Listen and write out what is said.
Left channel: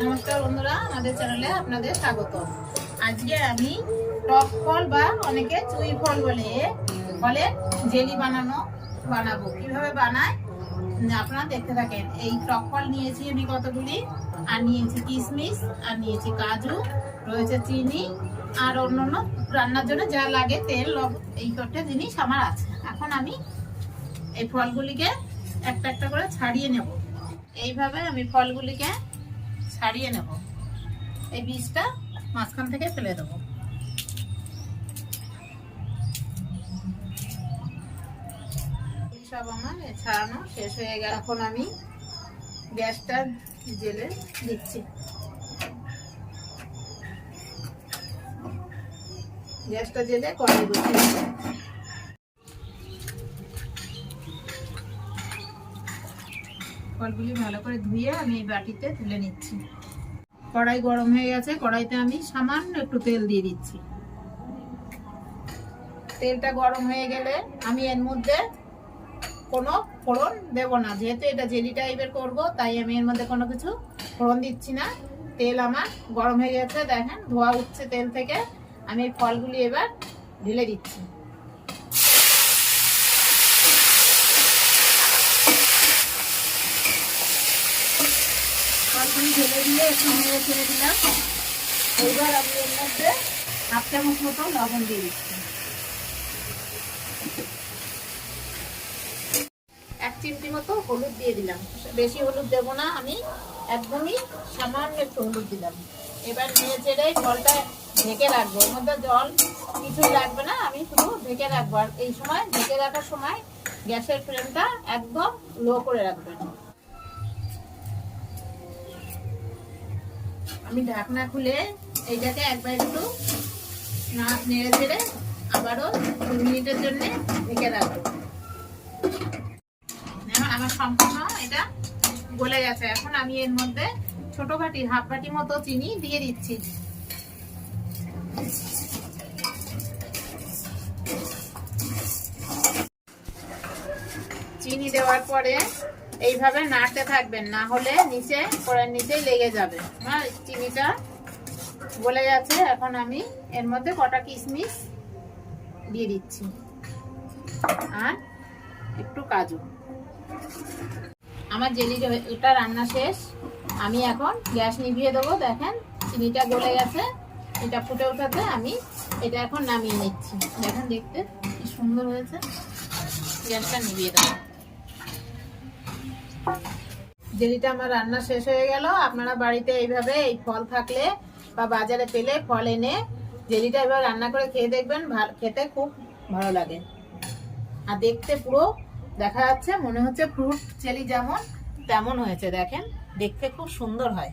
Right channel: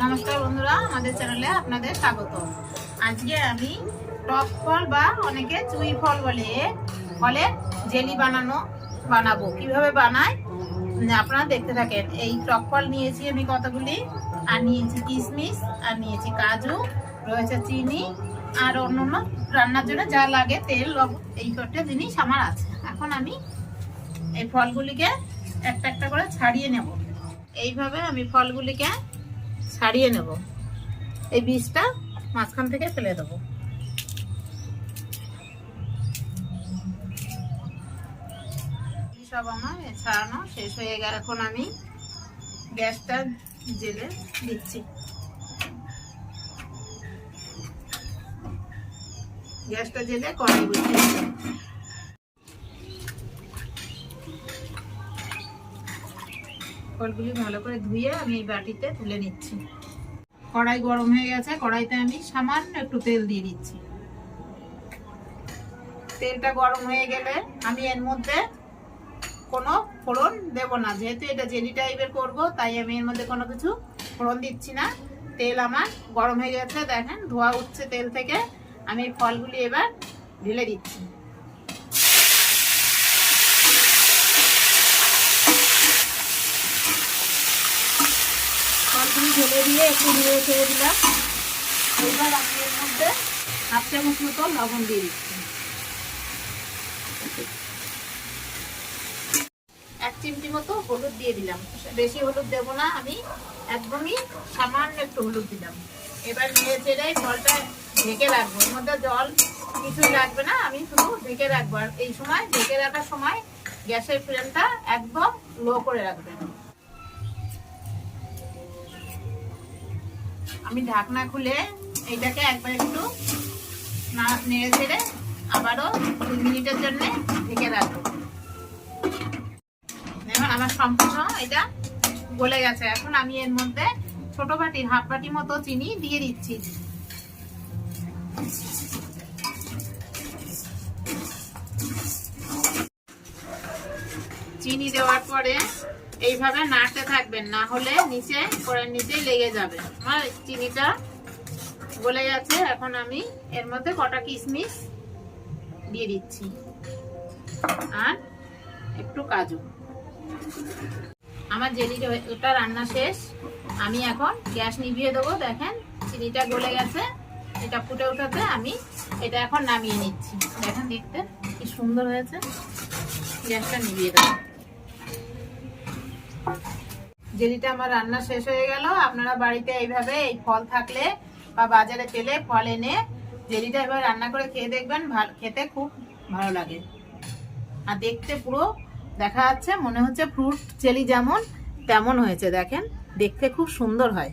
নমস্কার বন্ধুরা, আমাদের চ্যানেলে আপনাদের স্বাগত। আজকে আমি টক ফল বা অনেকে চুই ফল বলে ফলের জেলি বানাবো। কিভাবে বানায় আপনারা দেখতে থাকেন। এই টক ফল নিয়েছি আমি কতগুলি, আর নিয়েছি কিশমিশ, আর নিয়েছি কাজু, রয়েছে চিনি, আর অন্যান্য রান্নার জন্য যা লাগে তেল, লবণ, এই কটা জিনিস আমার আছে। এখন আমি এই ফলগুলিকে একটা একটা করে ছাড়িয়ে নেব। এইভাবে আমি ফলগুলিকে ছাড়িয়ে নেব। এই বীজটা মাঝখান থেকে ফেলে দেবো। সব আমার ছাড়ানো শেষ হয়ে গেল। এখন আমি গ্যাসটা জেলে দিচ্ছি। গ্যাসটা জেলে কড়াই বসিয়ে ফলগুলি ভালো করে ধুয়ে আমি এই বাটিতে তুলে নিচ্ছি। কড়াই গরম হয়ে গেছে, কড়াইতে আমি সামান্য একটু তেল দিয়ে দিচ্ছি। তেলটা গরম হয়ে গেলে আমি এর মধ্যে কোনো ফোড়ন দেব না, যেহেতু এটা জেলি টাইপের করব, তাই আমি এর মধ্যে কোনো কিছু ফোড়ন দিচ্ছি না। তেল আমার গরম হয়ে গেছে, দেখেন ধোয়া উঠছে তেল থেকে। আমি ফলগুলি এবার ঢেলে দিচ্ছি। ফলগুলি ঢেলে দিয়ে একটু নেড়ে ছেড়ে দিলাম। এইবার আমি এর মধ্যে হাফ চামচ মতো লবণ দিয়ে দিচ্ছি। 1 চিমটি মতো হলুদ দিয়ে দিলাম। বেশি হলুদ দেব না, আমি একদমই সামান্য একটু হলুদ দিলাম। এবার নেড়ে চেড়ে ফলটা ঢেকে রাখবো। এর মধ্যে জল কিছুই লাগবে না, আমি শুধু ঢেকে রাখবো। আর এই সময় ঢেকে রাখার সময় গ্যাসের ফ্লেমটা একদম লো করে রাখবেন। আমি ঢাকনা খুলে এইটাকে একবার একটু নেড়ে চেড়ে আবারও 2 মিনিটের জন্য ঢেকে রাখবো। আমার সম্পূর্ণ এটা গলে গেছে। এখন আমি এর মধ্যে ছোট বাটির হাফ বাটি মতো চিনি দিয়ে দিচ্ছি। চিনি দেওয়ার পরে এইভাবে নাড়তে থাকবেন, না হলে নিচে কড়াইয়ের নিচে লেগে যাবে। আমার চিনিটা গলে গেছে। এখন আমি এর মধ্যে কটা কিশমিশ দিয়ে দিচ্ছি আর একটু কাজু। আমার জেলিটা রান্না শেষ। আমি এখন গ্যাস নিভিয়ে দেবো। দেখেন চিনিটা গলে গেছে, এটা ফুটে ওঠাতে আমি এটা এখন নামিয়ে নিচ্ছি। দেখেন দেখতে কি সুন্দর হয়েছে। গ্যাসটা নিভিয়ে দেবো। জেলিটা আমার রান্না শেষ হয়ে গেল। আপনারা বাড়িতে এইভাবে এই ফল থাকলে বা বাজারে পেলে ফল এনে জেলিটা এবার রান্না করে খেয়ে দেখবেন, খেতে খুব ভালো লাগে। আর দেখতে পুরো দেখা যাচ্ছে, মনে হচ্ছে ফ্রুট জেলি যেমন তেমন হয়েছে। দেখেন দেখতে খুব সুন্দর হয়।